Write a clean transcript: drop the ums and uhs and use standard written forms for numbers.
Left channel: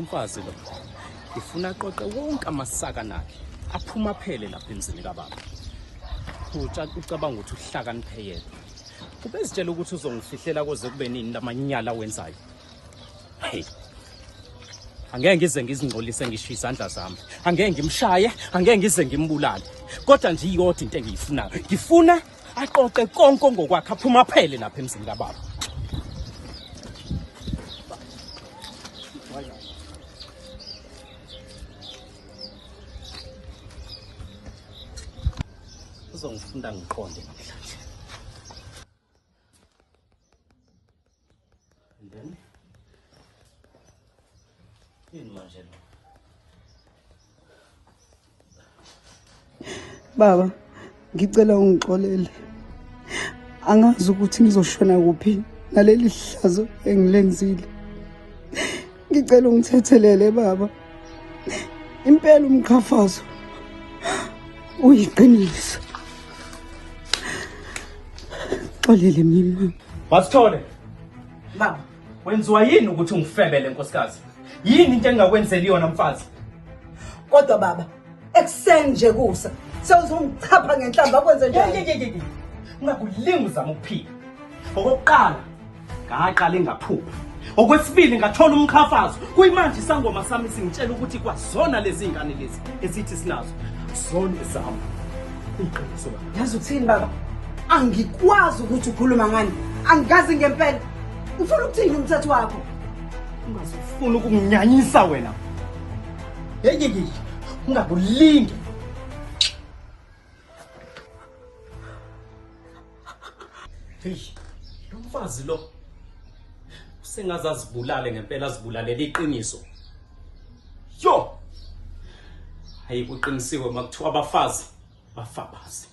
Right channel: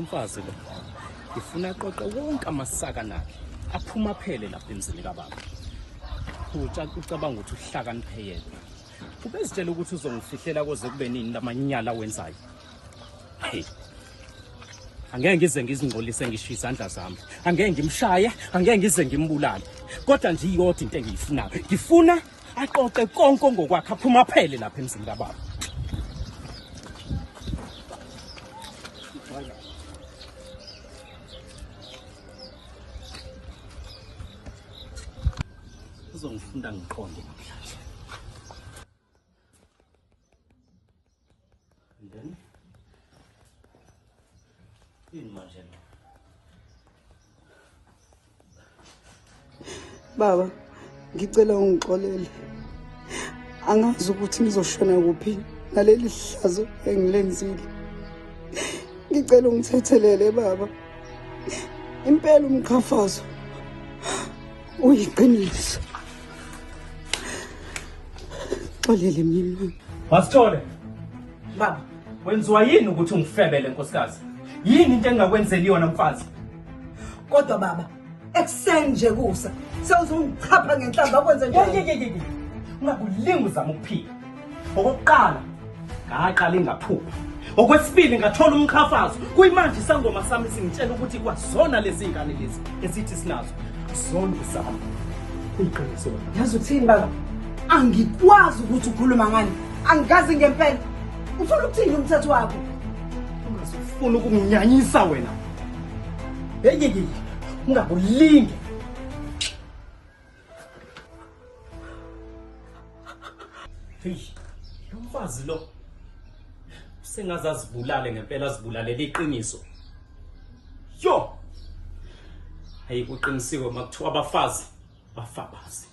lomfazi lo ngifuna aqoqe wonke amasaka nakhe aphuma phele lapha emzini kababa. Ucabanga ukuthi uhlakaniphe yena. Ubezitshela ukuthi uzongifihlela koze kube nini lamanyala wenzayo. Hey. Angeke ngize ngizingcolise ngisho izandla zami. Angeke ngimshaye, angeke ngize ngimbulale. Kodwa nje iyodwa into engiyifunayo. Ngifuna aqoqe konke ngokwakhe aphuma phele lapha emzini kababa. Uzongifunda ngiqonde namhlanje. And then yini manje lo? Baba, ngicela ungixolele. Angazi ukuthi ngizoshona kuphi naleli hlazo engilenzile. Ngicela ungithethelele baba. Impela umkhafazo uyiqiniso. Xolele mina. Wasithole. Baba, wenziwa yini ukuthi ungifebele nkosikazi? Yini into engakwenzeli yona mfazi? Kodwa baba, ekseni nje kusa. Sewuzongichapha ngenhlamba kwenze njani? Ungakulinga uzama ukuphila. Okokuqala, ngaqala ingaphupha. Okwesibili ngathola umkhafazo. Kuyimanje isangoma sami singitshela ukuthi kwazona lezi ingane lezi esithi sinazo. Zonke zami. Iqiniso. Yazi uthini baba? Angikwazi ukuthi ukhuluma ngani. Angazi ngempela. Ufuna ukuthini umthetho wakho? Ungazofuna ukunginyanyisa wena. Hey, ungakulinge. Hey, lo mfazi lo sengaze azibulale ngempela azibulalela iqiniso. Yo! Hayi kuqinisiwe makuthiwa abafazi bafabazi.